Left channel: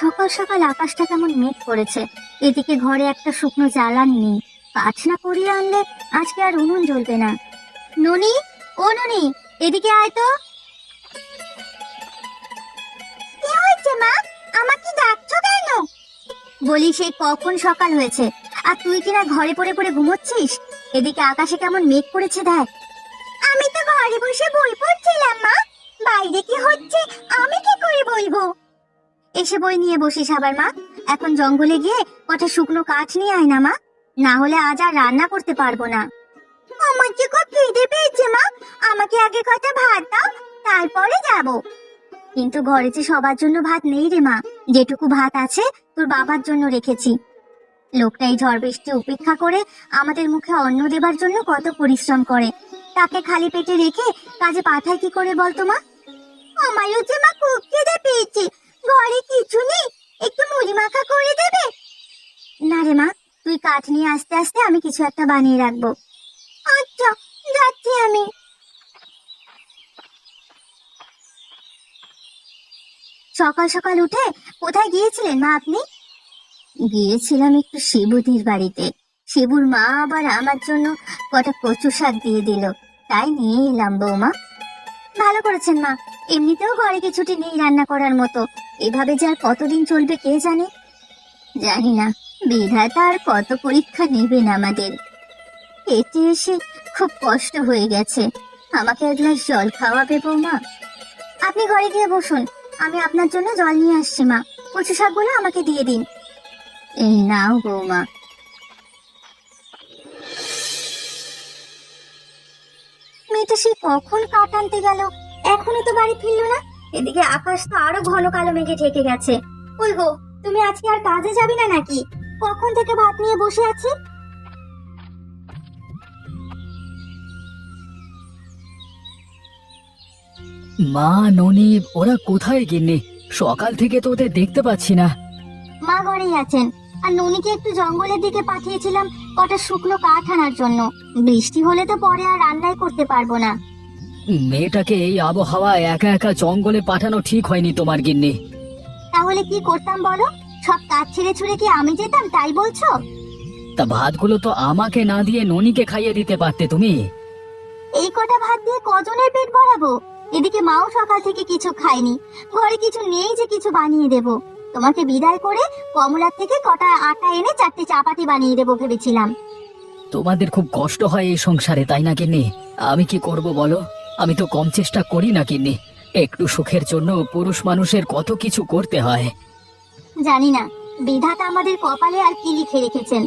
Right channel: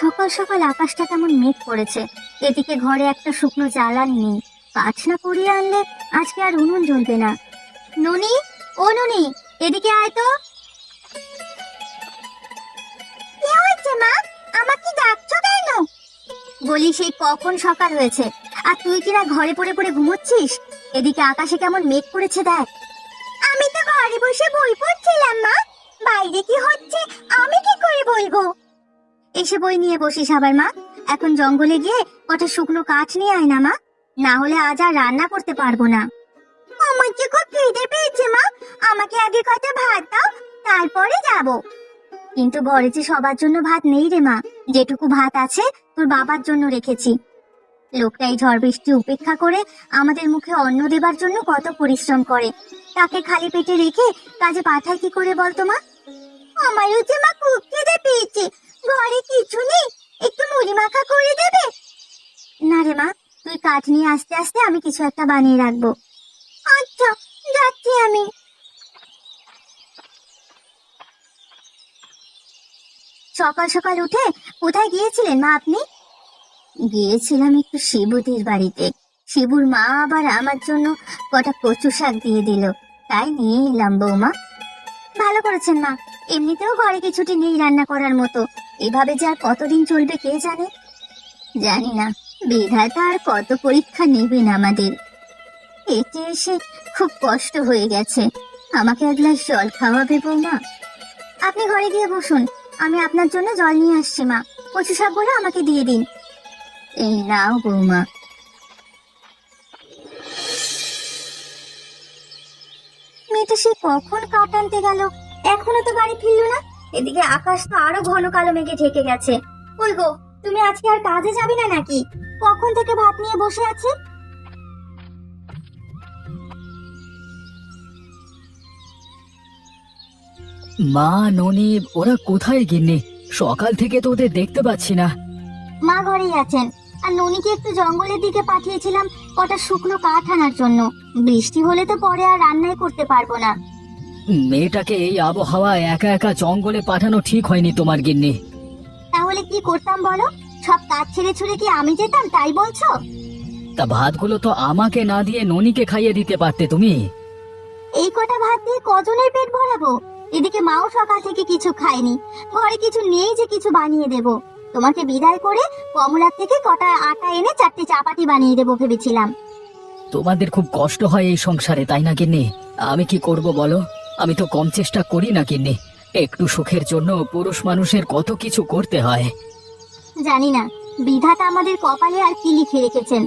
সকাল সকাল আকাশটা কেমন মেঘ করেছে। এদিকে ঘরে একটা শুকনো জ্বালানি নেই। কাঠ না কুড়িয়ে আনলে আজকে আর উনুন জ্বলবে না। ননি, ও ননি, এদিকে আয় তো। কি হয়েছে মা? আমাকে ডাকছো কেন? বলি সেই কখন সকাল হয়েছে আর তুই কিনা ঘরে পড়ে পড়ে ঘুমোচ্ছিস। এদিকে আকাশে কেমন মেঘ করেছে দেখ। আমি তো ঘরে বসে বই পড়ছিলাম মা, বাইরে কি হচ্ছে আমি কি করে বলবো? এসে বই নিয়ে বসিস আবার মা। এখন জঙ্গলে গিয়ে কটা শুকনো কাঠ নিয়ে আয় না মা, না হলে আজ আর রান্না করতে পারবো না। আমার যে খুব খিদে পেয়েছে মা, আমাকে আগে কটা ভাত দাও, তারপরে যাব। কিন্তু ঘরে যে সবার জন্য ভাত নেই রে মা, যেটুকু ভাত আছে তোর বাবার জন্য রেখেছি। লোকটা এই ঝড় বৃষ্টি উপেক্ষা করে আমাদের মুখে অন্ন দেবার জন্য কত পরিশ্রম করে, তাকে খালি পেটে রেখে কাজে পাঠায় কি করে বলতো মা? আমারও যে মা খুব খিদে পেয়েছে, ঘরে কিছু নেই, একটু মুড়ি মাখা করে দেবে? না রে মা, তুই কাঠ নিয়ে আস্তে আস্তে আমি কিছু একটা বানিয়ে রাখবো। আচ্ছা, যাচ্ছি আমি। সকাল সকাল উঠে কোথায় গিয়েছিলেন মা আপনি? গিয়েছিলাম একটু শিবুদির বাড়িতে। শিবুর মা আবার আমার জন্য কটা কচু শাক দিয়ে দিল, তাই নিয়ে এলাম বৌমা। ভালো করেছেন মা, এমনিতেও ঘরে কিছুটি নেই রান্না করার মতো, এভাবে যে আর কতদিন চলবে কে জানে। জানি না বিধাতা আর কত পরীক্ষা নেবেন আমাদের। এতে এসে খুব কষ্ট হয়ে গেছে, আমাকে এক গ্লাস জল খাওয়াবে বৌমা? আপনি ঘরে গিয়ে বসুন, আমি আপনার জন্য জল নিয়ে আসছি মা। কচু শাকগুলো আমাকে দিয়ে দিন। এই নাও বৌমা। মেয়েটা সে কখন কাঠ আনতে গেল, এখনো তো বাড়ি ফিরলো না। এদিকে আকাশ তো আরো ঘন কালো মেঘে ঢেকে গেছে। ওই গো, তুমি আজকে আর কাজে যাবে না নাকি? কখন থেকে ভাত নিয়ে বসে আছি। মা, ননি, ওরা কোথায় গিন্নি? সকাল থেকে তো ওদের দেখতে পাচ্ছি না। মা ঘরেই আছেন, আর ননিকে একটু জঙ্গলের দিকে পাঠিয়েছিলাম কটা শুকনো কাঠ আনার জন্য। বৃষ্টি হলে তো পরে আর রান্নাই করতে পারবো না। মেয়েটাকে এই আবহাওয়ায় একা একা জঙ্গলে পাঠানো ঠিক হয়নি তোমার গিন্নি। তাহলে কি করতাম বলো? সব কাজ ছেড়ে ছুড়ে কি আমি যেতাম তাই বলছো? তা ভাতগুলো তো আমাকে না দিয়ে ননিকে খাইয়ে দিতে পারতে তুমি। এই কটা ভাত দিয়ে কজনের পেট ভরাবো? এদিকে মাও সকাল থেকে কিছু খায়নি, ঘরে কিছু নেই যে কিছু বানিয়ে দেব। তোমাকে বিদায় করে কমলার থেকে কটা আটা এনে চারটে চাপাতি বানিয়ে দেবো ভেবেছিলাম। তোমাদের খুব কষ্ট হয় এই সংসারে, তাই না গিন্নি? আমি কি করব বলো, আমি তো কম চেষ্টা করি না গিন্নি। একটু সুখের জন্য পুরুষ মানুষের কত কিছু করতে হয়। জানি না বিধাতা আমাদের কপালে আর কি লিখে রেখেছেন,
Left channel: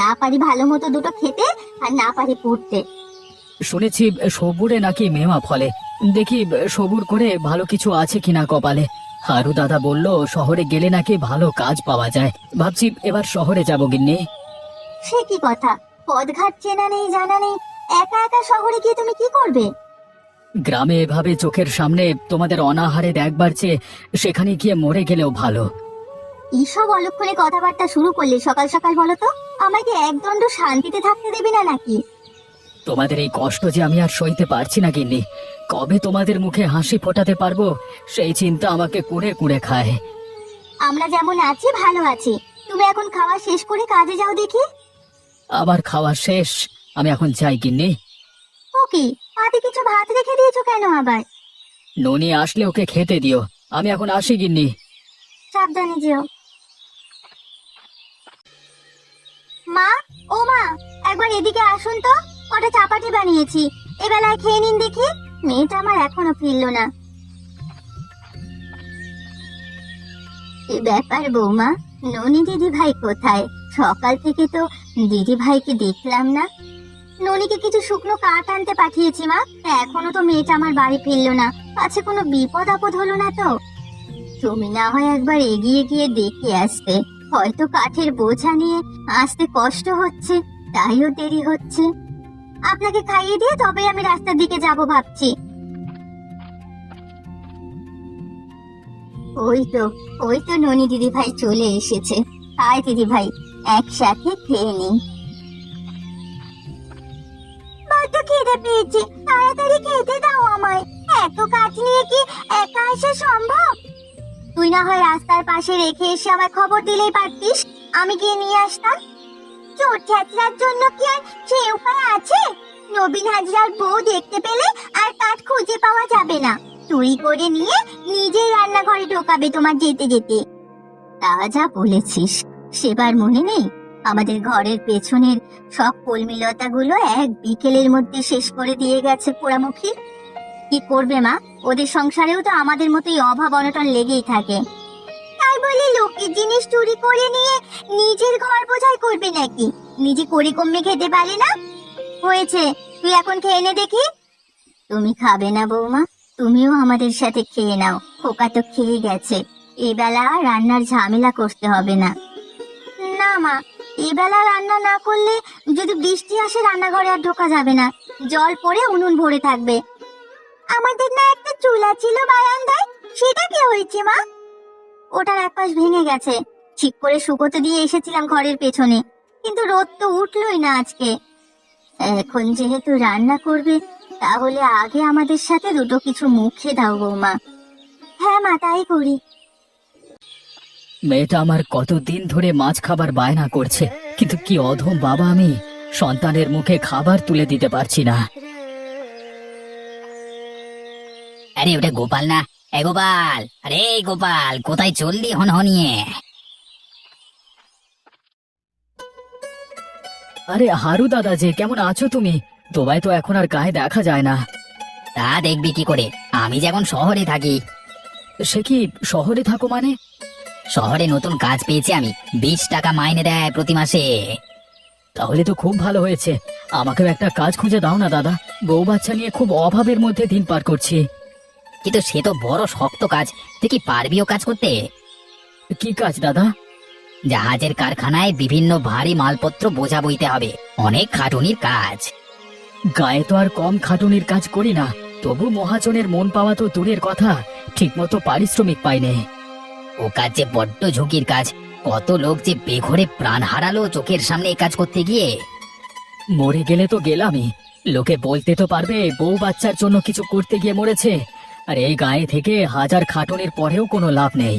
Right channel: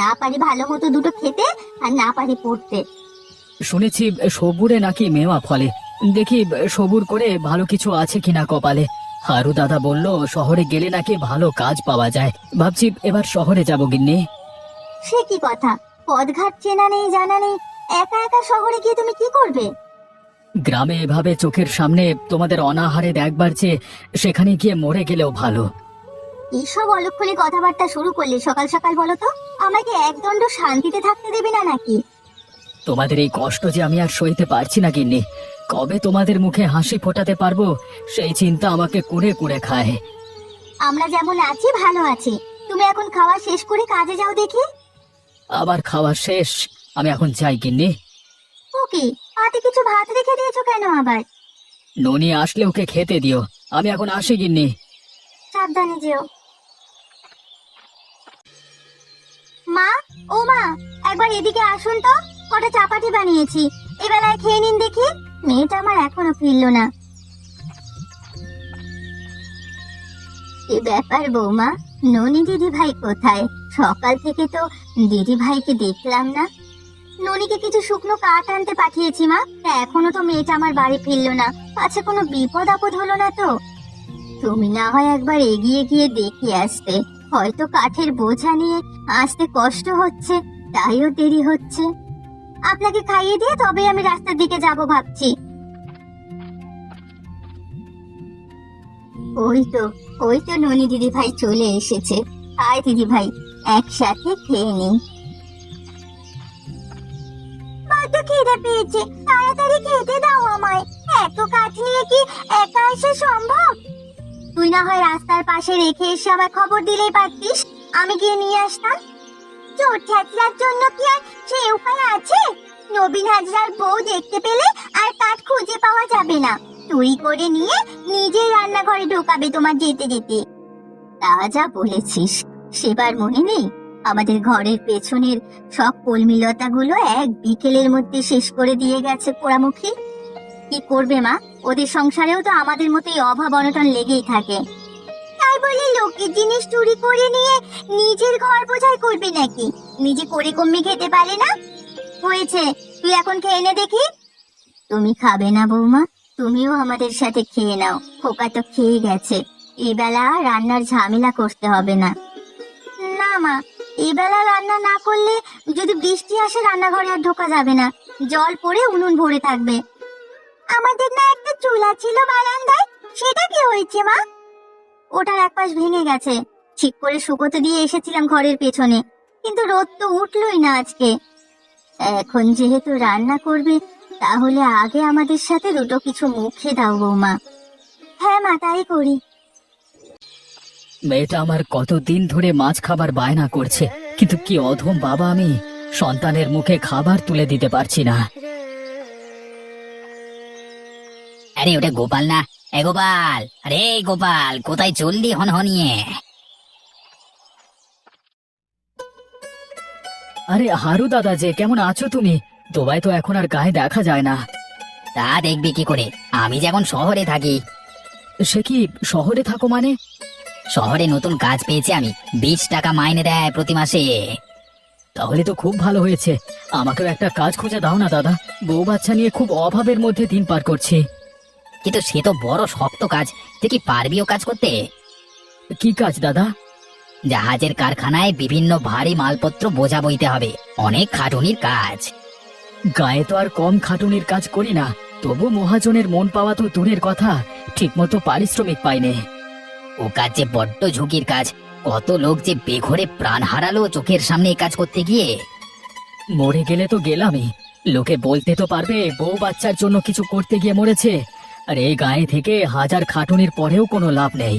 না পারি ভালো মতো দুটো খেতে আর না পারি পড়তে। শুনেছি সবুরে নাকি মেওয়া ফলে, দেখি সবুর করে ভালো কিছু আছে কিনা কপালে। হারু দাদা বলল শহরে গেলে নাকি ভালো কাজ পাওয়া যায়, ভাবছি এবার শহরে যাব গিন্নি। সে কি কথা, পথঘাট চেনা নেই জানা নেই, একা একা শহরে গিয়ে তুমি কি করবে? গ্রামে এভাবে চোখের সামনে তোমাদের অনাহারে দেখবার চেয়ে সেখানে গিয়ে মরে গেলেও ভালো। এইসব অলক্ষণে কথাবার্তা শুরু করলে সকাল সকাল বলো তো, আমাকে একদণ্ড শান্তিতে থাকতে দেবে না নাকি? তোমাদের এই কষ্ট যে আমি আর সইতে পারছি না গিন্নি। কবে তোমাদের মুখে হাসি ফোটাতে পারবো সেই চিন্তা আমাকে কুড়ে কুড়ে খায়। আমরা যেমন আছি ভালো আছি, তুমি এখন খাওয়া শেষ করে কাজে যাও দেখি। আমার খাওয়া শেষ, আমি এখন যাই গিন্নি। ওকে, পাতে কিছু ভাত রেখে দিয়েছো কেন আবার? ননি আসলে ওকে খেতে দিও, আমি এখন আসি গিন্নি। সাবধানে যেও। মা, ও মা, একবার এদিকে আসুন তো, কটা চাপাতি বানিয়েছি, এবেলায় খেয়ে নিন দেখি। মেয়েটা আমার এখনো ফিরলো না। কি ব্যাপার বৌমা, ননি দিদি ভাই কোথায়? সকাল থেকে তো দিদি ভাইকে দেখলাম না। ননিকে কিছু শুকনো কাঠ আনতে পাঠিয়েছি মা, এখনো তো মেয়েটা আমার বাড়ি ফিরলো না। আচ্ছা, কোনো বিপদ আপদ হলো না তো? তুমি না হয় একবার এগিয়ে গিয়ে দেখে আসতে, হয়তো কাঠের বোঝা নিয়ে আসতে কষ্ট হচ্ছে, তাইও দেরি হচ্ছে। আপনাকে খাইয়ে দিয়ে তবে আমি রাস্তার দিকে যাব ভাবছি। ওই তো ননি দিদি ভাই চলে এসেছে। আয় দিদি ভাই, একসাথে খেয়ে নি। বড্ড খিদে পেয়েছে, তাড়াতাড়ি খেতে দাও আমায়। এত কাঠ নিয়ে কি একা এসে সম্ভব? তুই না হয় রাস্তার পাশে রেখে এসে আমায় খবর দিলেই পারতিস, আমি গিয়ে নিয়ে আসতাম। চোর ছাত্রার জন্য কি আর সেই উপায় আছে? নবীন হাজরার বউ দেখতে পেলে আর কাঠ খুঁজে পাওয়া যাবে না। চুরি করে নিয়ে নিজেই রান্নাঘরে ঢোকাবে তোমার যেতে যেতে। তা যা বলেছিস, সেবার মনে নেই আমাদের ঘরের পেছনের সব কলমিলতা গুলো এক বিকেলের মধ্যে শেষ করে দিয়ে গেছে পোড়ামুখী। কি করবে মা, ওদের সংসারেও তো আমাদের মতোই অভাব অনটন লেগেই থাকে। তাই বলে লোকের জিনিস চুরি করে নিয়ে নিজের ঘর বোঝাই করবে নাকি? নিজে করে কমে খেতে পারে না? হয়েছে, তুই এখন খেয়ে নে দেখি। তুমি খাবে না বৌমা? তুমিও আমাদের সাথে খেয়ে নাও, খোকা তো খেয়ে গেছে। এবেলা আর রান্নার ঝামেলা করতে হবে না। না মা, এবেলা রান্না না করলে যদি বৃষ্টি আসে রান্নাঘরে আর ঢোকা যাবে না, জল পড়ে উনুন ভরে থাকবে। আমাদের না একটা চুলা ছিল বারান্দায়, সেটা কি হয়েছে মা? ওটার এক পাশ ভেঙে গেছে, ঠিক করে শুকোতে দিয়ে এসেছিলাম ঘরের পেছনে, কিন্তু রোদ তো উঠলোই না আজকে। এখন যেহেতু রান্না করবে, তাহলে আগে আমাদের সাথে দুটো কিছু মুখে দাও বৌমা। হ্যাঁ মা, তাই করি। মেয়েটা আমার কতদিন ধরে মাছ খাবার বায়না করছে, কিন্তু কি অধম বাবা আমি, সন্তানের মুখে খাবার তুলে দিতে পারছি না। আরে ওটা গোপাল না? এ গোপাল, আরে গোপাল, কোথায় চললি হনহনিয়ে? আরে হারু দাদা যে, কেমন আছো তুমি? তোমায় তো এখন আর গায়ে দেখা যায় না। তা দেখবি কি করে, আমি যখন শহরে থাকি। সে কি, শহরে থাকো মানে? শহরে নতুন কাজ পেয়েছি আমি, 20 টাকা মাইনে দেয় প্রতি মাসে। তাহলে তো খুব ভালো হয়েছে, আমাকেও একটা কাজ খুঁজে দাও না দাদা। বউ বাচ্চা নিয়ে খুব অভাবের মধ্যে দিন পার করছি। কিন্তু সে তো বড় শক্ত কাজ, তুই কি পারবিও কাজ করতে? কি কাজ দাদা? জাহাজের কারখানায় বিভিন্ন ভারী মালপত্র বোঝা বইতে হবে, অনেক খাটুনির কাজ। গায়ে তো আর কম খাটুনির কাজ করি না, তবু মহাজনের মন পাওয়া তো দূরের কথা, ঠিকমতো পারিশ্রমিক পাইনে। ও কাজ যে বড্ড ঝুঁকির কাজ, কত লোক যে বেঘরে প্রাণ হারালো চোখের সামনে এই কাজ করতে গিয়ে। মরে গেলে তো গেলামই, লোকে বলতে তো পারবে বউ বাচ্চার জন্য কিছু করতে গিয়ে মরেছে। আর এই গায়ে থেকে হাজার খাটুনির পরেও কোনো লাভ নেই।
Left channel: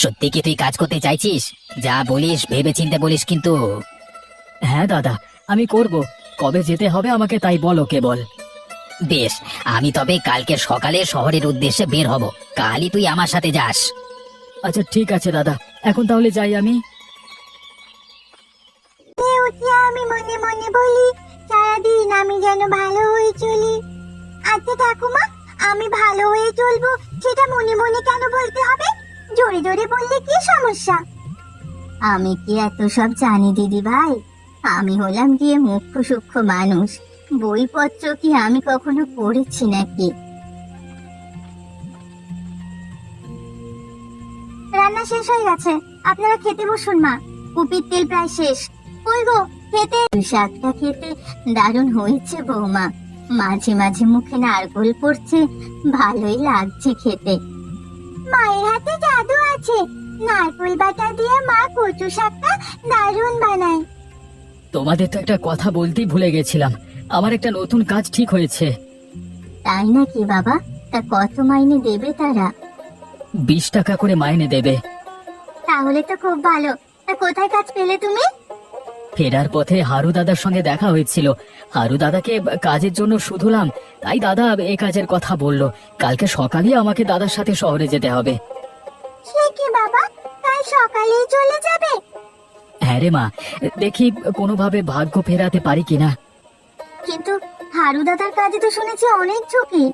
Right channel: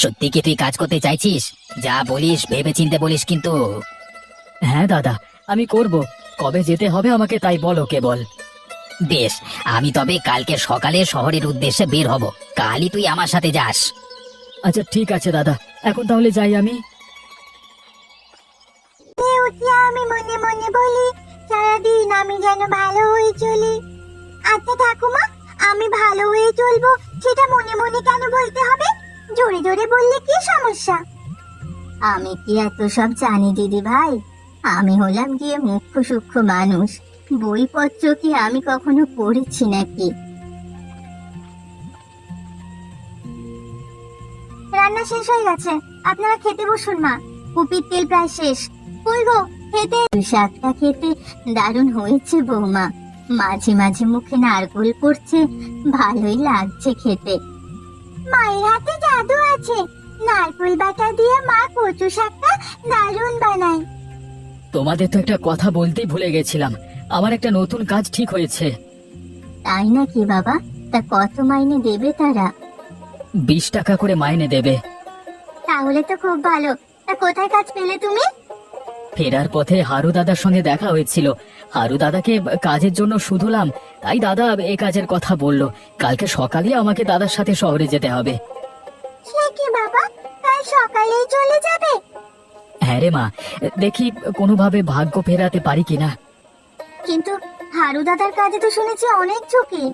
সত্যি কি তুই কাজ করতে চাইছিস? যা বলিস ভেবে চিন্তে বলিস কিন্তু। হ্যাঁ দাদা, আমি করব। কবে যেতে হবে আমাকে তাই বলো কেবল। বেশ, আমি তবে কালকে সকালে শহরের উদ্দেশ্যে বের হব, কালই তুই আমার সাথে যাস। আচ্ছা ঠিক আছে দাদা, এখন তাহলে যাই আমি। আমি মনে মনে বলি, সারাদিন আমি যেন ভালো হয়ে চলি। আচ্ছা ঠাকুমা, আমি ভালো হয়ে চলবো সেটা মনে মনে কেন বলতে হবে? জোরে জোরে বললে কি সমস্যা? আমি কি এত সব জানি দিদি ভাই? আমি হলাম গিয়ে মুখ্য সূক্ষ্ম মানুষ, বইপত্র কি আমি কখনো পড়েছি নাকি? রান্না শেষ হয়ে গেছে, আপনারা খেতে বসুন না। কুপির তেল প্রায় শেষ। কই গো, খেতে। শাকটা খেতে দারুণ হয়েছে বৌমা, মাঝে মাঝে মুখে নারকোল পড়ছে, ভালোই লাগছে খেতে। মায়ের হাতে জাদু আছে, নারকোল বাটা দিয়ে মা কচু শাকটা দারুণ বানায়। তোমাদের তো একটা কথা বলতেই ভুলে গেছিলাম, আমার একটা নতুন কাজ ঠিক হয়েছে। তাই নাকি বাবা? তা কত মাইনে দেবে তারা? 20 টাকা করে মাইনে দেবে। তাহলে তো খুব ভালো। তা কোথায় কাজ পেলে তুমি? ফেরার পথে হারু দাদার সঙ্গে দেখা হয়েছিল, হারু দাদাকে কাজের জন্য শুধুলাম, তাই দাদা এই কাজের কথা বলল। কালকে সকালে আমাকে দাদার সাথে শহরে যেতে হবে। সে কি বাবা, কাল সকালেই চলে যাবে? হ্যাঁ রে মা, দেখি কোনোভাবে ভাগ্য ফেরাতে পারি কিনা। কিন্তু হারু দাদার কাজে তো শুনেছি অনেক ঝুঁকি।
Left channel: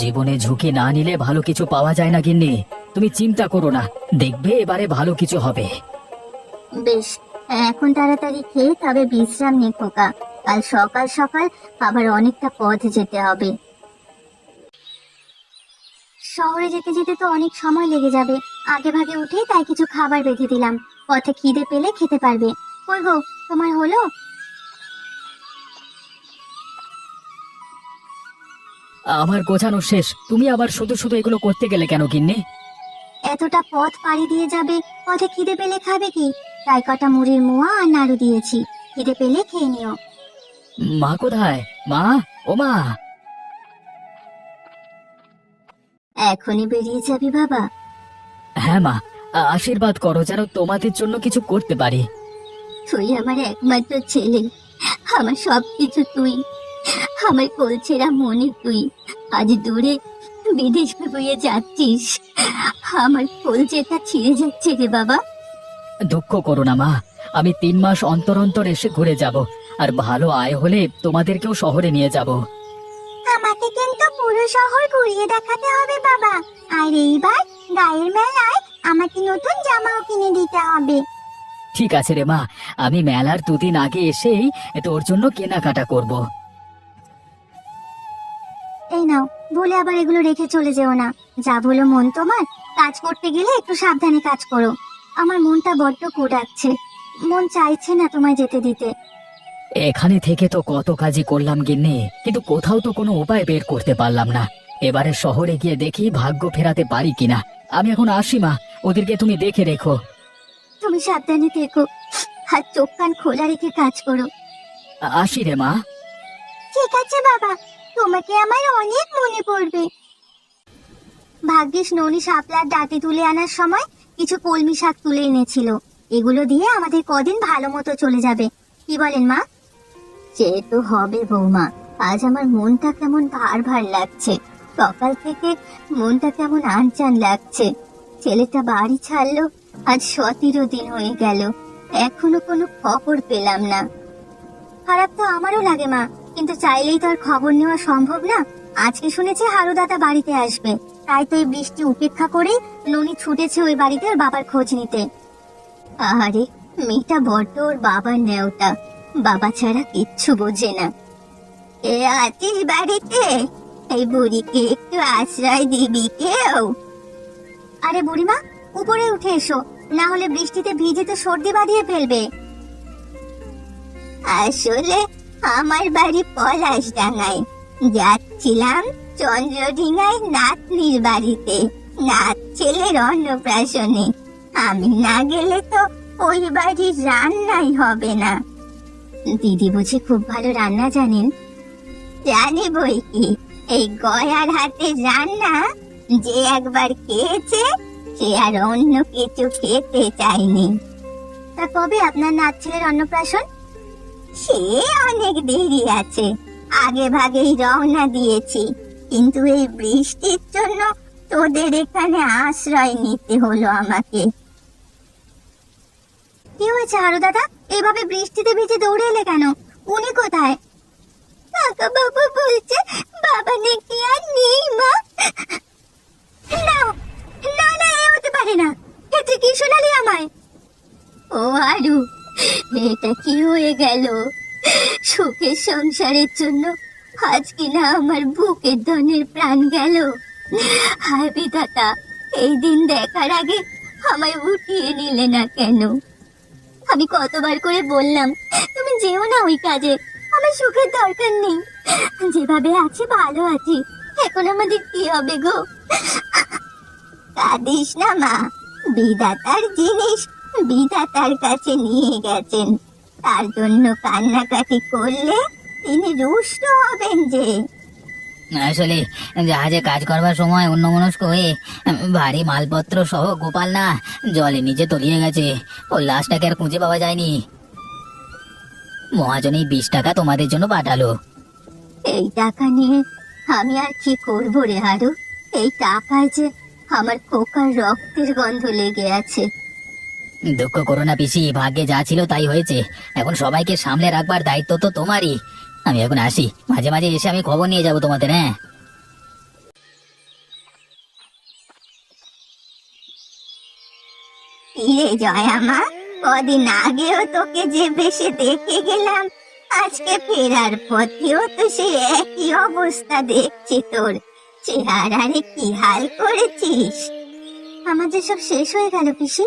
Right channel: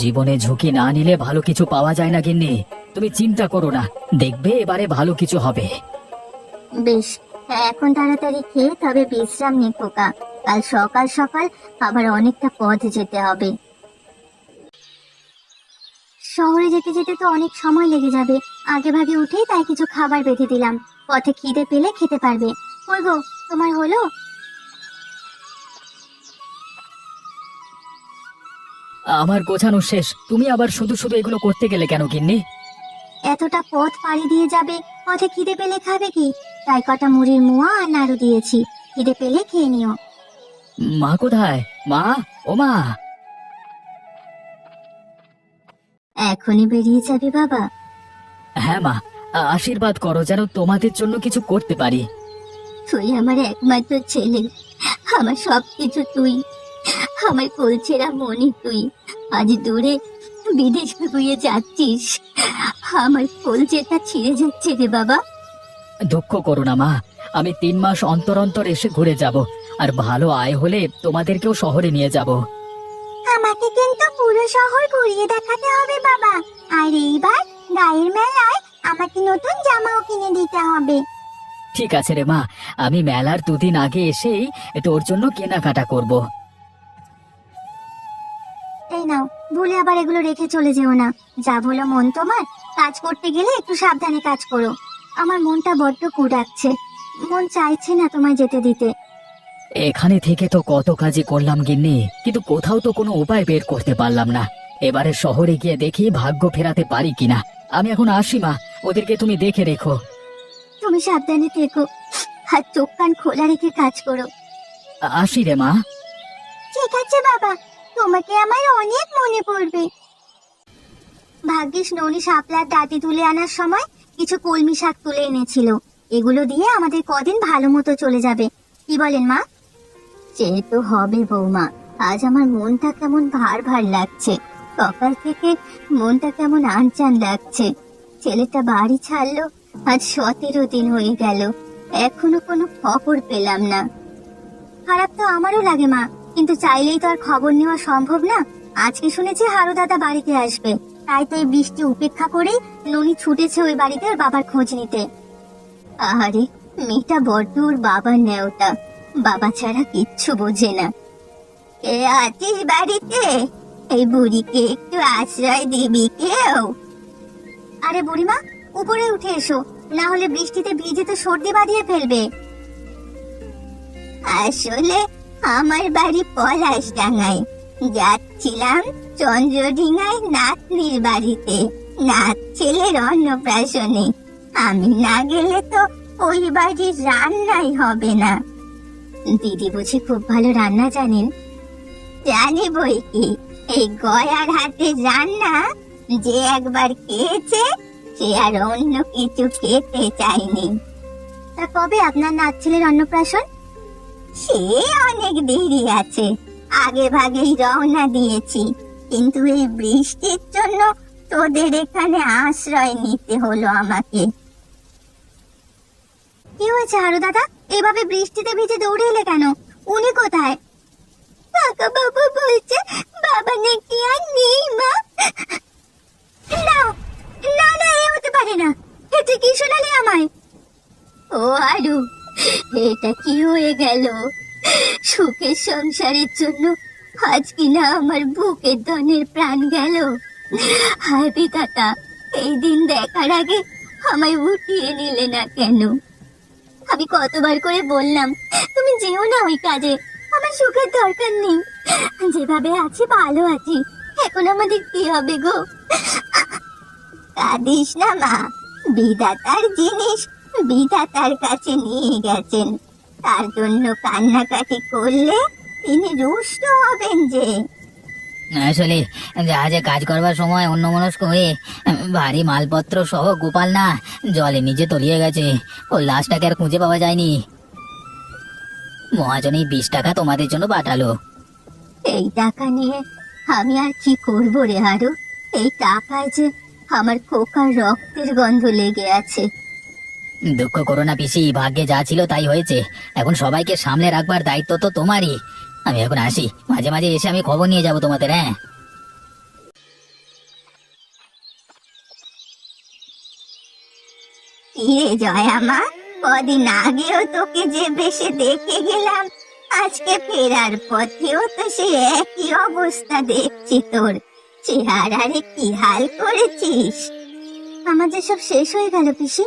জীবনে ঝুঁকি না নিলে ভালো কিছু পাওয়া যায় না গিন্নি, তুমি চিন্তা করো না, দেখবে এবারে ভালো কিছু হবে। বেশ, এখন তাড়াতাড়ি খেয়ে তবে বিশ্রাম নে খোকা, কাল সকাল সকাল আবার অনেকটা পথ যেতে হবে। শহরে যেতে যেতে তো অনেক সময় লেগে যাবে, আগে ভাগে উঠে তাই কিছু খাবার বেঁধে দিলাম, পথে খিদে পেলে খেতে পারবে। কই গো, তোমার হলো? আমার গোছানো শেষ, তুমি আবার শুধু শুধু এগুলো করতে গেলে কেন গিন্নি? এতটা পথ পাড়ি দিয়ে যাবে, পথে খিদে পেলে খাবে কি? তাই কটা মুড়ির মোয়া আর নাড়ু দিয়েছি, খিদে পেলে খেয়ে নিও। মা কোথায়? মা, ও মা। এখনই বেরিয়ে যাবে বাবা? হ্যাঁ মা, আশীর্বাদ করো যেন তোমাদের জন্য কিছু করতে পারি। তুই আমার একমাত্র ছেলে, আমার সবকিছু তুই, আমার কোলছেরা মনি তুই। আজ দূরে বিদেশ হয়ে যাচ্ছিস, আমার কোলচেটা ছিঁড়ে যাচ্ছে রে বাবা। দুঃখ করো না মা, আমি 3 মাস অন্তর অন্তর এসে ঘুরে যাব, আর ভালো আয় হলে তোমাদেরকেও শহরে নিয়ে যাব। আমাকে কিন্তু পুরো শহর ঘুরিয়ে দেখাতে হবে বাবা, আর এইবার গায়ের মেলায় আমাকে নতুন জামাও কিনে দিতে হবে। ঠিক আছে রে মা, আমি মেলার 2 দিন আগে এসেই তোর জন্য কেনাকাটা করব। এই নাও, ভুলে আবার এগুলো রেখে চলে যেও না। যা বলো মন তোমার, কাজ করতে গেলে একটু সাবধানে কাজ করো। আমার মনটা বড্ড কুড়াচ্ছে, মন চাইছে না তোমায় যেতে দিতে। এখানে থেকে তো কত কাজই করলাম গিন্নি, কিন্তু কোথাও তো কোনো উপায় বের করতে পারলাম না। এবারে শহরে গিয়ে দেখি ভাগ্য ফেরাতে পারি কিনা। আমি এখন আসি মা, ওদেরকে তুমি দেখে রেখো। তুমি সাবধানে থেকো, আর চোখ কান খোলা রেখে কাজ করো। আসি রে মা। ঠিক আছে বাবা, তোমাকে আমার অনেক মনে পড়বে। ভাগ্যিস ননি শাপলার ডাটি তুলে আনার সময় কিছু কলমি শাক তুলে এনেছিল। এগুলো দিয়ে আমাদের কদিন ভালো মতো চলে যাবে, কি বলেন মা? সে তো হবে বৌমা, আজ আমার মনটা কেমন ভার ভার লাগছে। সকাল থেকে মনটা কেমন আনচান লাগছে। ছেলেটা বাড়ি ছাড়লো আজ 17 দিন হয়ে গেল, এখনো কোনো খবর পেলাম না। খারাপ তো আমারও লাগে মা, কিন্তু চাইলেই তো আর খবর নেওয়া সম্ভব না। আজকে শুনেছি হারু দাদা বাড়িতে আসবে, তাই তো এই বৃষ্টি উপেক্ষা করে ননি ছুটেছে ওই বাড়িতে ওর বাবার খোঁজ নিতে। আরে মেয়েটা বড্ড ওর বাবার নেওটা, বাবা ছাড়া কিচ্ছু বোঝে না। কে আছিস বাড়িতে? এই বুড়িকে একটু আশ্রয় দিবি কেউ? আরে বুড়িমা, উপরে উঠে এসো, না হলে বৃষ্টিতে ভিজে তো সর্দি বাঁধিয়ে ফেলবে। আসলে আমার বাড়ি পলাশডাঙ্গায়, যাচ্ছিলাম চন্দ্রডিঙ্গায় নাতনির বাড়িতে, নাত ছেলের অন্নপ্রাশনে। আমি না গেলে তো ওই বাড়ির রান্নাই হবে না। দিদি বুঝি খুব ভালো রান্না জানেন? জানি বই কি, এই গয়ার হাতে রান্না যে একবার খেয়েছে সে আর অন্য কিছু খেতে চায়নি। তা কবে আপনার নাত ছেলের অন্নপ্রাশন? সে অনেক দেরি আছে, আগে ভাগেই রওনা দিয়েছি, কিন্তু এই বৃষ্টির জন্য তোদের এখানে আশ্রয় নিতে হলো আমাকে। কি হয়েছে হারু দাদা, এভাবে বৃষ্টিতে ভিজে দৌড়ে এলে কেন? উনি কোথায়? কাকা বাবু বলছে বাবা নাকি আর নেই মা। না না না, এ হতে পারে না, এটা কি শোনালি আমায়? ও হারু, এটা কি হয়ে গেল? সুখের সংসারের জন্য আজ কিনা আমার বুকের ধনের প্রাণ গেল। হায় বিধাতা, এই দিন দেখার আগে আমায় উঠিয়ে নিলে না কেন? আমি কতবার করে বললাম তুমি যেও না ওই কাজে, আমার সুখের দরকার নেই, যেভাবে আছি ভালো আছি। এখন আমাদের কি হবে গো? কাঁদিস না মা, বিধাতার জিনিস বিধাতার কাছে নিয়ে গেছেন, তার জন্য কান্নাকাটি করলে তিনি রুষ্ট হবেন যে। আসলে জাহাজে কাজ করবার সময় অন্যমনস্ক হয়ে ভারী মালপত্র সহ গোপাল না জলে নিচে তলিয়ে গেছে, ওর লাশটাকে আর খুঁজে পাওয়া যায়নি। মহাজন এই 20 টাকা তোমাদের জন্য পাঠালো। এই টাকা নিয়ে আমি আর কি করবো রে হারু? এই টাকায় যে আমার খোকার রক্তের গন্ধ লেগে আছে। দুঃখ করো না পিসি, ভাগ্যে যা ছিল তাই হয়েছে, এখন সবাইকে সামলে রাখবার দায়িত্ব তো তোমারই। আমি এখন আসি, মাঝে মাঝে এসে আমি খবর নিয়ে যাব তোমাদের। হ্যাঁ, ইয়ে জয়া মা, কদিন আগেও তোকে যে বেশে দেখে গেলাম, আজকে ফেরার পথেও তো সে একই অবস্থা দেখছি তোর। চেহারারে কি হাল করেছিস? আমাদের সব শেষ হয়ে গেল পিসি,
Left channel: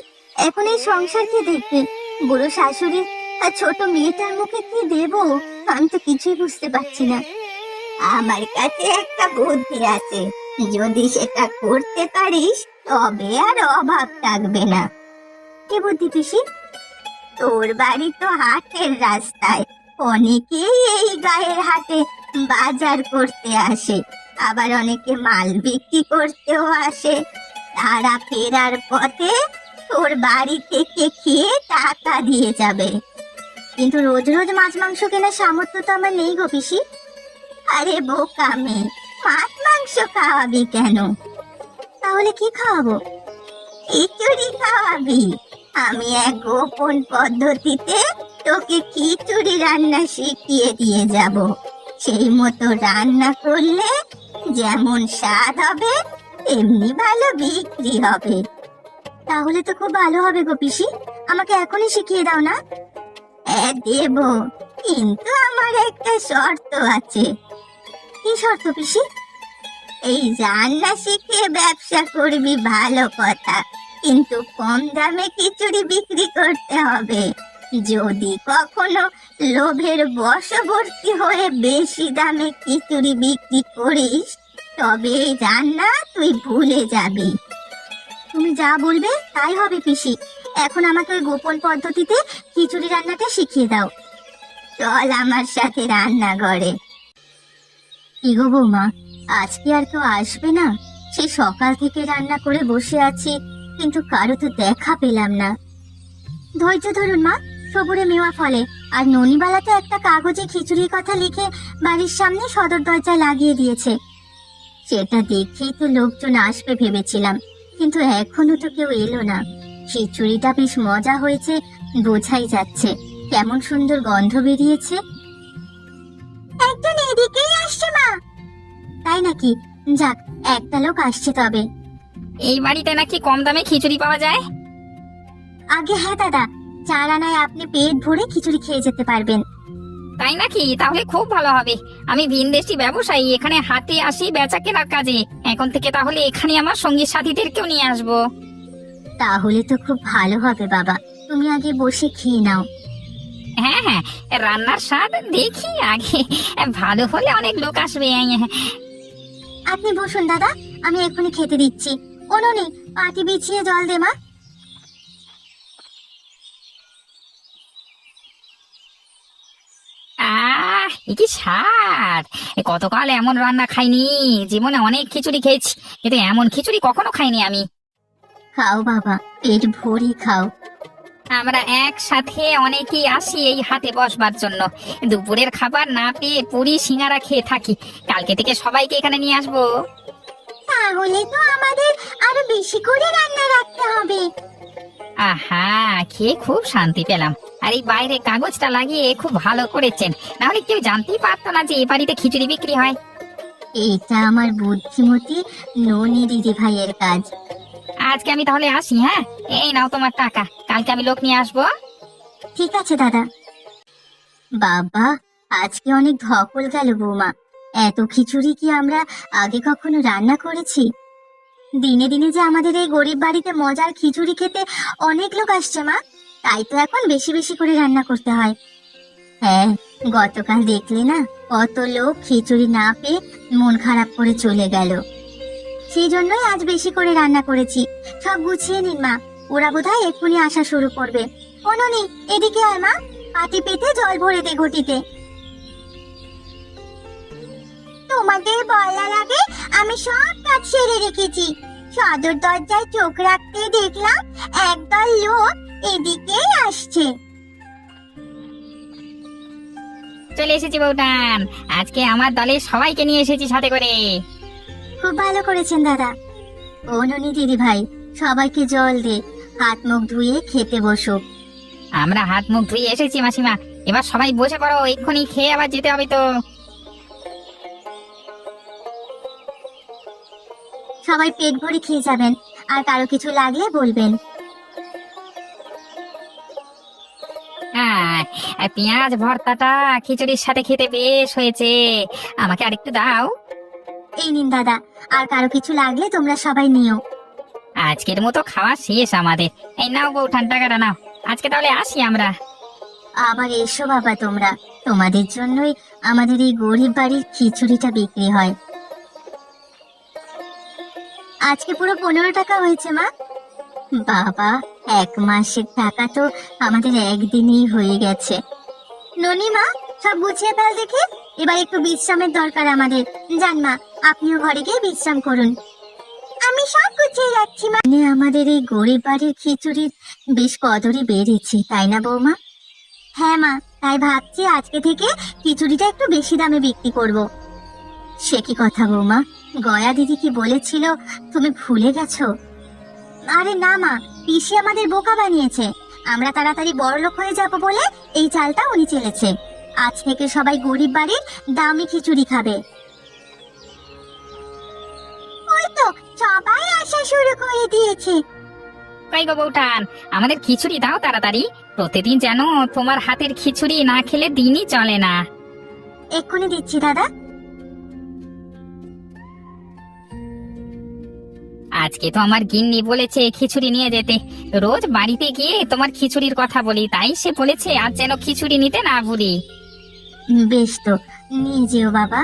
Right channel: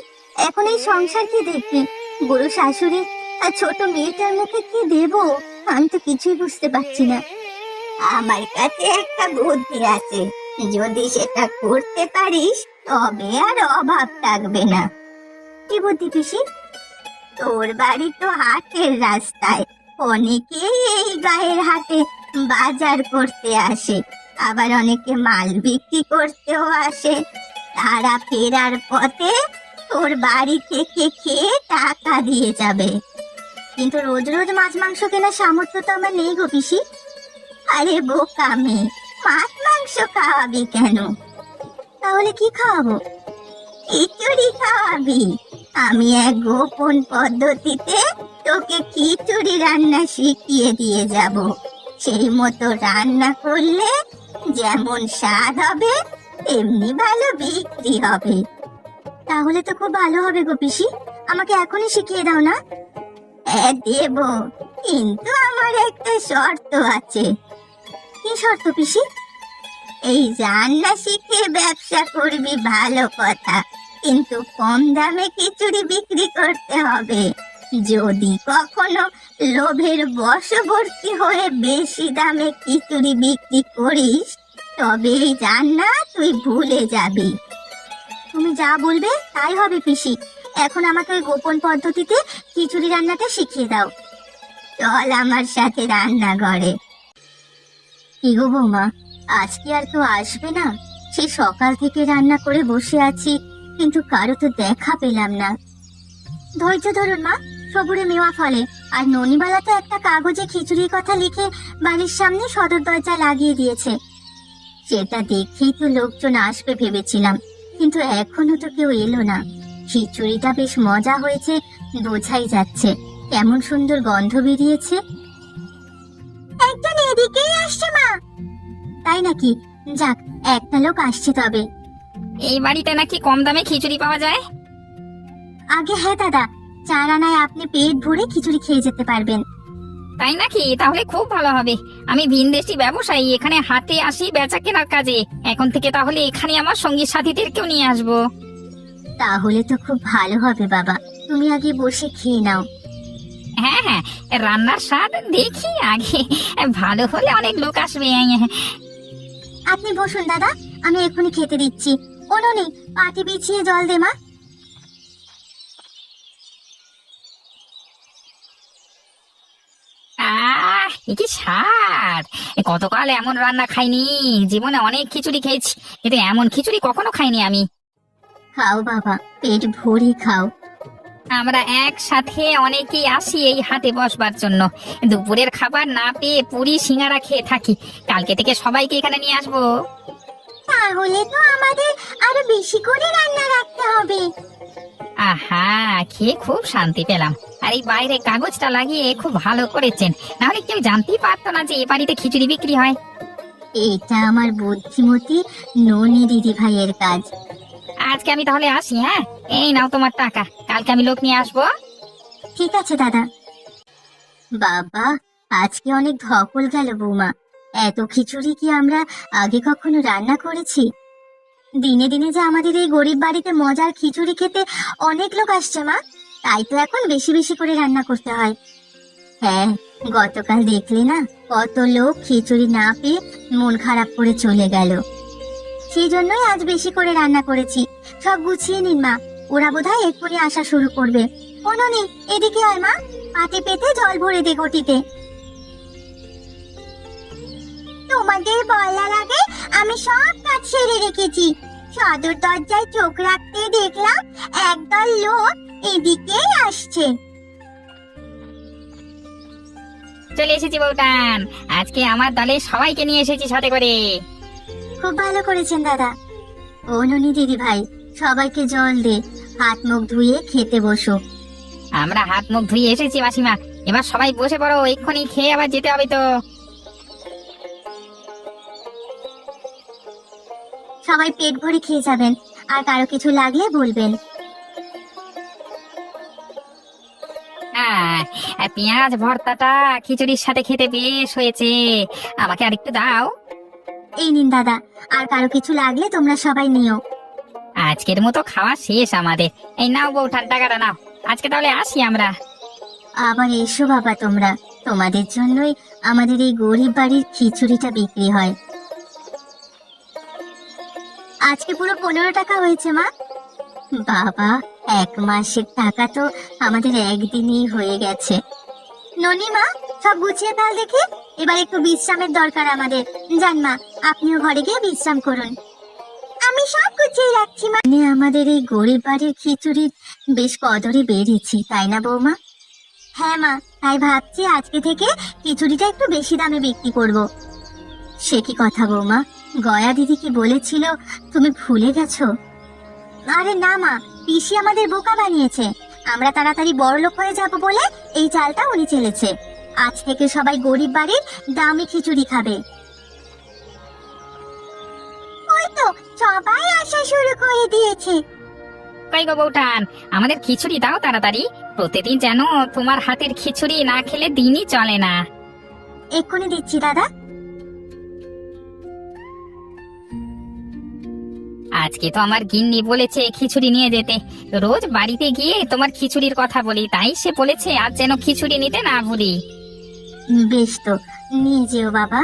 এখন এই সংসার কে দেখবে? বড় শাশুড়ি আর ছোট মেয়েটার মুখে কি দেব? আমি তো কিছুই বুঝতে পারছি না। আমার কাছে একটা বুদ্ধি আছে, যদি সেটা করতে পারিস তবে আর অভাব থাকবে না। কি বুদ্ধি পিসি? তোর বাড়ি তো হাটের রাস্তায়, অনেকেই এই গায়ের হাটে বাজার করতে আসে, আবার অনেকে মাল বিক্রি করতেও আসে। তারা ফেরার পথে তোর বাড়ি থেকে খেয়ে টাকা দিয়ে যাবে। কিন্তু রোজ রোজ মাছ মাংস কেনার সামর্থ্য তো আমার নেই গো পিসি। আরে বোকা মেয়ে, মাছ মাংস খাওয়াবি কেন? তাহলে কি খাওয়াবো? খিচুড়ি খাওয়াবি। আমি এক গোপন পদ্ধতিতে তোকে খিচুড়ি রান্না শিখিয়ে দিয়ে যাব। সেই মতো রান্না করলে যেমন স্বাদ হবে তেমনি ভালো বিক্রি হবে। তাহলে তো খুব ভালো হবে গো পিসি, আমাকে এখনই শিখিয়ে দাও না। হ্যাঁ দেব, কিন্তু আমার একটা শর্ত আছে। কি শর্ত পিসি? এই রান্না শিখে ব্যবসা করবি ভালো কথা, কিন্তু কম দামে খিচুড়ি বিক্রি করতে হবে। যদি কখনো লোভের বশবর্তী হয়ে বেশি দামে খিচুড়ি বিক্রি করিস, তবে এই রান্না তুই ভুলে যাবি। তুমি যা বলবে তাই হবে পিসি। এখন আমাকে ওই গোপন পদ্ধতিতে খিচুড়ি রান্নাটা শিখিয়ে দাও। চল আমার সাথে রান্নাঘরে। কি গো বৌমা, আজকে আর কেউ আসবে না? সেই সকাল থেকে রান্না করে বসে আছি, কিন্তু কারো তো দেখা পেলাম না। ধৈর্য ধরুন মা, সবুরে মেওয়া ফলে। আর ননিবালা তো একটা কাগজে খিচুড়ির কথা লিখে বাড়ির সামনে সদর দরজায় লাগিয়ে দিয়েছে। সেটা দেখেই তো লোকজন আসবে ভেবেছিলাম, কিন্তু এখনো তো কেউ এলো না। খিচুড়িটা বেশ মজা হয়েছে, বোঝাই যাচ্ছে। কেমন সুন্দর গন্ধ বেরিয়েছে। একজন এদিকেই আসছে মা। তাই নাকি? যাক, একটা লোক আসছে তবে। এই বাড়িতে নাকি কম দামে খিচুড়ি পাওয়া যায়? আগে হ্যাঁ দাদা, 4 আনায় আপনি পেট ভরে খিচুড়ি খেয়ে যেতে পারবেন। তাই নাকি? তাহলে খুব ভালো হবে। আমি ভিনদেশি ব্যবসায়ী, এখানে হাতে আসি বেচা কেনার কাজে। এখন থেকে তাহলে এখানে আমার সঙ্গী সাথীদেরকেও নিয়ে আসবো। তাহলে তো খুব ভালো হবে বাবা, তুমি আগে বসে খেয়ে নাও। হ্যাঁ হ্যাঁ, রান্নার স্বাদ দেখি আগে, ভালো হলে অনেক লোক আসবে। আপনি বসুন দাদা, আমি এক্ষুনি খেতে দিচ্ছি। অনুনি, পাটি বিছিয়ে জল দে মা। কি স্বাদ! কতকাল এমন রান্না খাইনি। জীবনে অনেক খিচুড়ি খেয়েছি, কিন্তু এমন খিচুড়ি কখনো খাইনি আমি। খাও বাবা, পেট ভরে খাও। আমরা একসাথে অনেকেই আসি এই হাটে বসবার জন্য। দুপুরের খাবার না পেয়ে পুরি সিঙ্গারা খেয়ে থাকি। কালকে থেকে সবাইকে এখানে নিয়ে আসবো। তাহলে তো আমাদের আরো বেশি করে রান্না রাখতে হবে। আহা, খেয়ে খুব শান্তি পেলাম। আর এই বাইরে কাগজটা লাগিয়ে খুব ভালো করেছেন, নাহলে কেউ জানতেই পারতো না যে এই বাড়িতে খিচুড়ি বিক্রি হয়। এটা আমার বুদ্ধিমতী ননি দিদি ভাইয়ের কাজ। আজকে আমি তাহলে আসি। হ্যাঁ, এই নাও তোমার টাকা, কালকে আমি লোক নিয়ে আসবো। ঠিক আছে দাদা। বাবা, আজকে অনেক ধকল গেল বৌমা। এত খিচুড়ি কি আমরা আগে কখনো রান্না করেছি? দিনে দিনে যে আমাদের এই গরিব বাড়িতে মজার খিচুড়ি খেতে অনেক লোক আসছে মা, তাই তো এখন বেশি বেশি করে রান্না করতে হয়। হ্যাঁ, গতকাল দেখলে না, কত লোক খিচুড়ি না পেয়ে মন খারাপ করে চলে গেল। সেই জন্যই আজ বেশি করে রান্না করেছি। সব গুছিয়ে নিন মা, ওরা বোধহয় এক্ষুনি আসা শুরু করবে। অনুনি, এদিকে আয় মা, পাটি পেতে জল ভরে দে ঘটিতে। তোমাদের বলার আগে আমি সব কাজ সেরে রেখেছি। সদর দরজায় চোখ রাখতে দেখলাম একদল লোক এদিকেই আসছে। চলে এসেছি বউটান, আজকে আমার দলে সবাইকে নিয়ে এসেছি সাথে করে। খুব ভালো করেছেন দাদা। অনুনি দিদি ভাই, সবাইকে জল দে, হাত মুখ ধুয়ে খেতে বসো। আমরা হাত মুখ ধুয়ে এসেছি মাসিমা, এবার সবাই বসে পড়ো, এক্ষুনি খেয়ে আবার যেতে হবে তো। সবাই পেট ভরে খেয়ে যাবেন, আর কারো কিছু লাগলে বলবেন। হ্যাঁ, আর পেঁয়াজ ভর্তাটা খিচুড়ির সাথে খেতে বেশ হয়েছে, আমাকে আরেকটু দাও। এই নিন দাদা, আর কারো কিছু লাগলে তোমরা সবাই নিও। আজকের মতো খাওয়া শেষ আমাদের। এই নাও বউঠান, টাকাটা নাও। আজকে তাহলে আসি আমরা। আবার এসো বাবা তোমরা, তোমাদের জন্যই আমাদের এই গরিব বাড়ির খিচুড়িটা বিক্রি হয়। আজকে পুরো 15 টাকা হয়েছে মা। বাবা, 1 মাসের টাকা তো আমাদের একদিনেই হয়ে গেছে। ননি মা, সব গুছিয়ে ফেল দেখে, এবার একটু বিশ্রামের দরকার আমাদের। যান মা, আপনিও ঘরে গিয়ে বিশ্রাম করুন। আমি সব গুছিয়ে রাখছি মা। আমাদের এই গরিব বাড়ির খিচুড়ির বেশ কদরই বেড়েছি, তাই না বৌমা? হ্যাঁ মা, তাই ভাবছি আজকে থেকে খিচুড়িটা একটু বেশি দামে বিক্রি করব। সে কি কথা বৌমা, গয়া দিদি কি বলেছিল তুমি ভুলে গেছো? আরে না মা, পিসি আমাদের বোকা বানিয়েছে। আমরা তাড়াতাড়ি বড়লোক হয়ে যাব বলে এই চালটা উনি চেলেছে। আজ থেকে সবাই গরিব বাড়ির দামি খিচুড়ি খাবে। ওই তো সবাই আসা শুরু করে দিয়েছে। কই গো বউঠান, আমাদের খিচুড়ি দাও তাড়াতাড়ি। প্রতিদিন যেন তোমার হাতের খিচুড়ি না খেলে দিনই চলে না। এক্ষুনি দিচ্ছি দাদা। আজকে তো আমার গিন্নি বলেছে খিচুড়ি নিয়ে যেতে। রোজ বাড়িতে গিয়ে তোমার খিচুড়ির কথা বলি, তাই সে বলেছে আজ যেন খিচুড়ি নিতে না বলি। বেশ তো, নিয়ে যেও বাবা।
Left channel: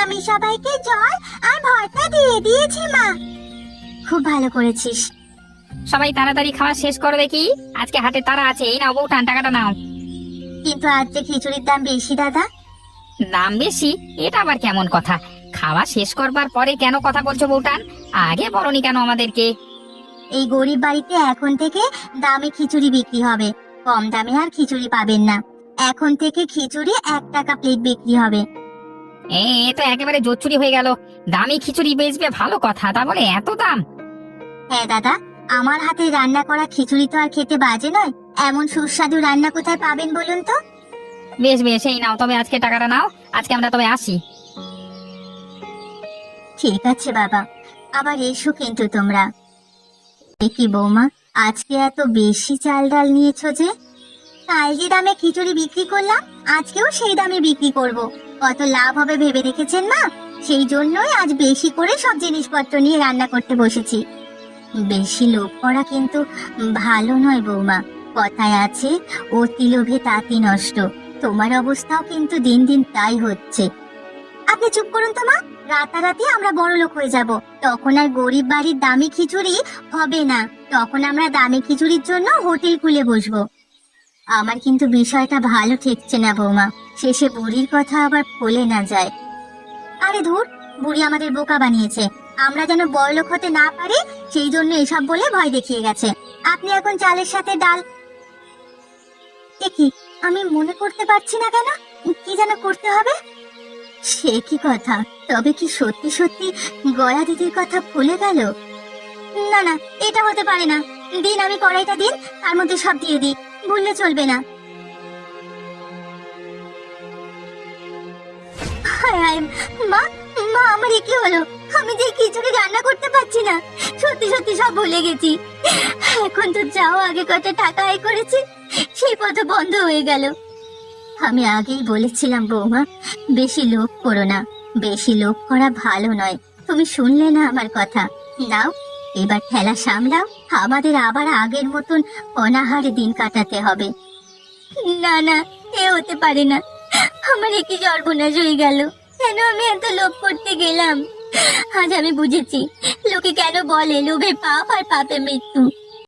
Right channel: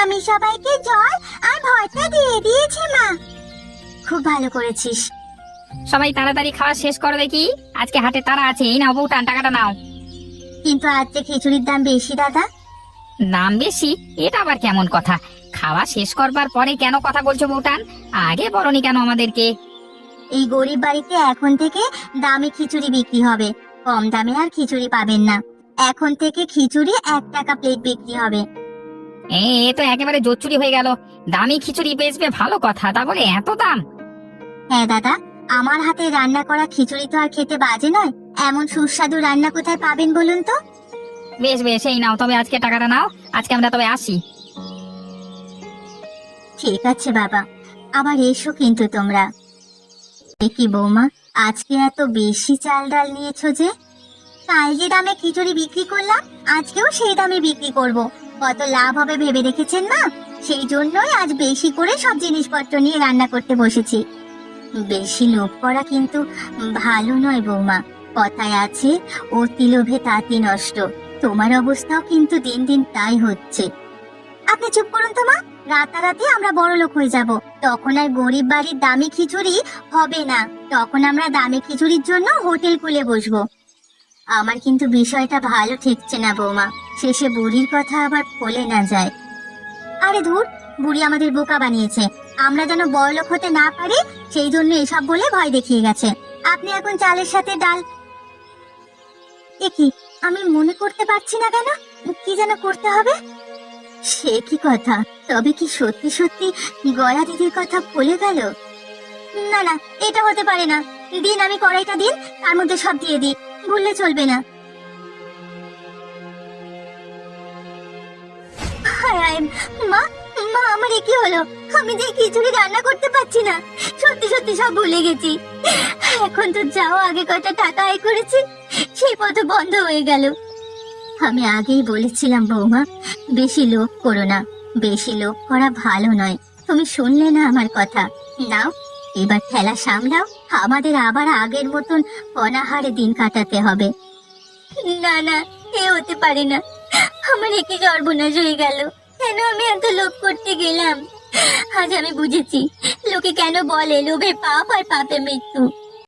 আমি সবাইকে জল আর ভর্তা দিয়ে দিয়েছি মা। খুব ভালো করেছিস। সবাই তাড়াতাড়ি খাওয়া শেষ করবে কি? আজকে হাটে তারা আছে। এই নাও বউঠান, টাকাটা নাও। কিন্তু আজ যে খিচুড়ির দাম বেশি দাদা। দাম বেশি? এটা আবার কেমন কথা? খাওয়া শেষ করবার পরে কেন কথা বলছো বউঠান? আগে বলনি কেন আমাদেরকে? এই গরিব বাড়িতে এখন থেকে দামি খিচুড়ি বিক্রি হবে, কম দামে আর খিচুড়ি পাবেন না। এখন থেকে খিচুড়ি 1 টাকা প্লেট বিক্রি হবে। এ তো একেবারে জোচ্চুরি হয়ে গেল। দামি খিচুড়ি বেচবে ভালো কথা, তা বলে এত দাম? হ্যাঁ দাদা, আমার হাতে রান্না করা খিচুড়ি তো আর খেতে বাজে নয়। এমন সুস্বাদু রান্না কোথায় পাবেন বলুন তো? বেশ বেশ, এই নাও তবে আজকে টাকাটা নাও। আজকে আমরা তবে আসি। ঠিক আছে বাবা, আবার এসো কিন্তু তোমরা। কি বৌমা, আজকে এত বেশি চাল ডাল নিয়েছো যে? কাল যে দামে খিচুড়ি বিক্রি করলাম, আজকেও সেই দামে বিক্রি করব। কত লাভ হবে ভেবে দেখেছেন মা? সেই জন্যই আজ বেশি করে সব জিনিসপত্র নিয়ে রান্না করতে বসেছি। বেশি লোভ করা কিন্তু ভালো নয় বৌমা। কথায় আছে, অতি লোভে তাঁতি নষ্ট। তোমার অবস্থাও কিন্তু দিন দিন তাই হচ্ছে। আপনি চুপ করুন তো মা। রাতারাতি আমরা বড় লোক হয়ে যাব, তখন আর গরিব বাড়ির দামি খিচুড়ি হবে না। তখন আমরা দামি খিচুড়ির জন্য হোটেল খুলে বসবো। আমার কিন্তু বিষয়টা ভালো ঠেকছে না বৌমা। শেষে বুড়ির কথা আবার ভুলে না যায়। আরে ধুর, বুড়ি আমাদের বোকা বানিয়েছে। আমরা যেন বড়লোক হতে না পারি, সেই জন্য এসব বলে ভয় দেখিয়ে গেছে। আপনি এখন চালের সাথে ডাল। কি আমি মনে করতে পারছি না কেন, কি যেন করতে হবে। সে কি কথা, তবে কি সত্যি সত্যি গয়া দিদির কথা ভুলে গেল? না না, এটা হতে পারে না। দিন, আমি কড়াইটা দিন, তার মধ্যে সব দিয়ে দিই। ভুললে চলবে না। হায় হায়, মা মা, আমার কি হলো? আমি যে খিচুড়ি রান্না করতে পারছি না, সত্যি সত্যি সব ভুলে গেছি। এখন তো যাও, আগে কত টাকা আয় করেছি, সেই পথ বন্ধ হয়ে গেল। আমি আগেই বলেছিলাম বৌমা, বেশি লোভ করো না। বেশি লোভ করা ভালো নয়। তুমি শুনলে না আমার কথা? নাও, এবার ঠেলা সামলাও। আমাদের আবার আগের মতন অনাহারে দিন কাটাতে হবে। না না, এ হতে পারে না। আমার কি সর্বনাশ হয়ে গেল। কেন আমি এত লোভ করতে গেলাম? আজ আমি বুঝেছি লোকে কেন বলে লোভে পাপ আর পাপে মৃত্যু।